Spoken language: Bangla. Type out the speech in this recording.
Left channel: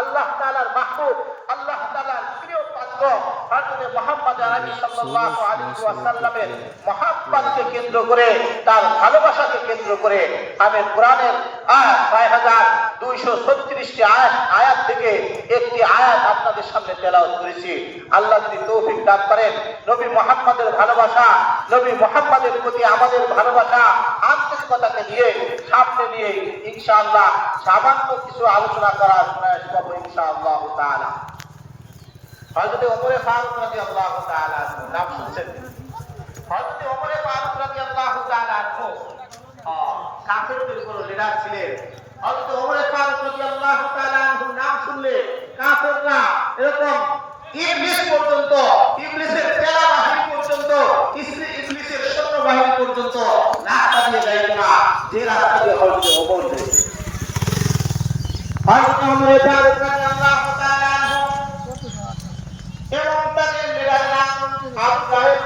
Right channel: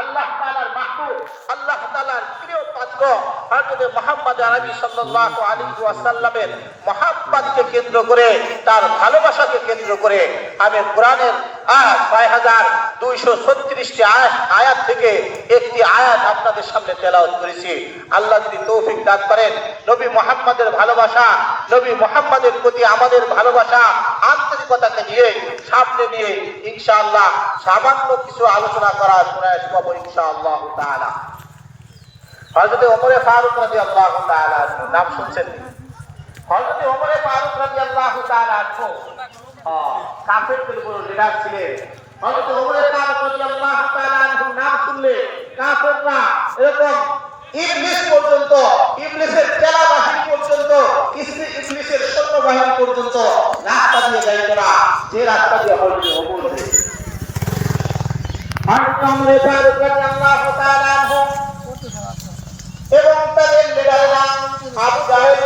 আল্লাহ তাআলার মাহবুব, আল্লাহ তাআলার প্রিয় পাত্র হযরত মুহাম্মদ আরবি সাল্লাল্লাহু আলাইহি ওয়াসাল্লামের মহব্বতকে কেন্দ্র করে, তার ভালোবাসাকে কেন্দ্র করে আমি কোরআনের 6236টি আয়াত থেকে একটি আয়াত আপনাদের সামনে তেলাওয়াত করেছি। আল্লাহ যদি তৌফিক দান করেন, নবী মুহাম্মদের ভালোবাসা, নবী মুহাম্মদের প্রতি আমাদের ভালোবাসা আন্তরিকতাকে নিয়ে সামনে নিয়ে ইনশাআল্লাহ সামান্য কিছু আলোচনা করার প্রয়াস করব ইনশাআল্লাহ তাআলা। হযরত ওমর ফারুক রাদিয়াল্লাহু তাআলা নাম শুনছেন? হযরত ওমর ফারুক রাদিয়াল্লাহু তাআলা কাফেরদের উপর লিডার ছিলেন। হযরত ওমর ফারুক রাদিয়াল্লাহু তাআলা নাম শুনলে কাফেররা এরকম ইবলিস পর্যন্ত, ইবলিসের পেলা বাহিনী পর্যন্ত, ইবলিসের সৈন্য বাহিনী পর্যন্ত রাস্তা দিয়ে যায় না, যে রাস্তা দিয়ে হযরত ওমর গেছে। হযরত ওমর ফারুক রাদিয়াল্লাহু তাআলা এবং তাদের লিডার আবু জাহেল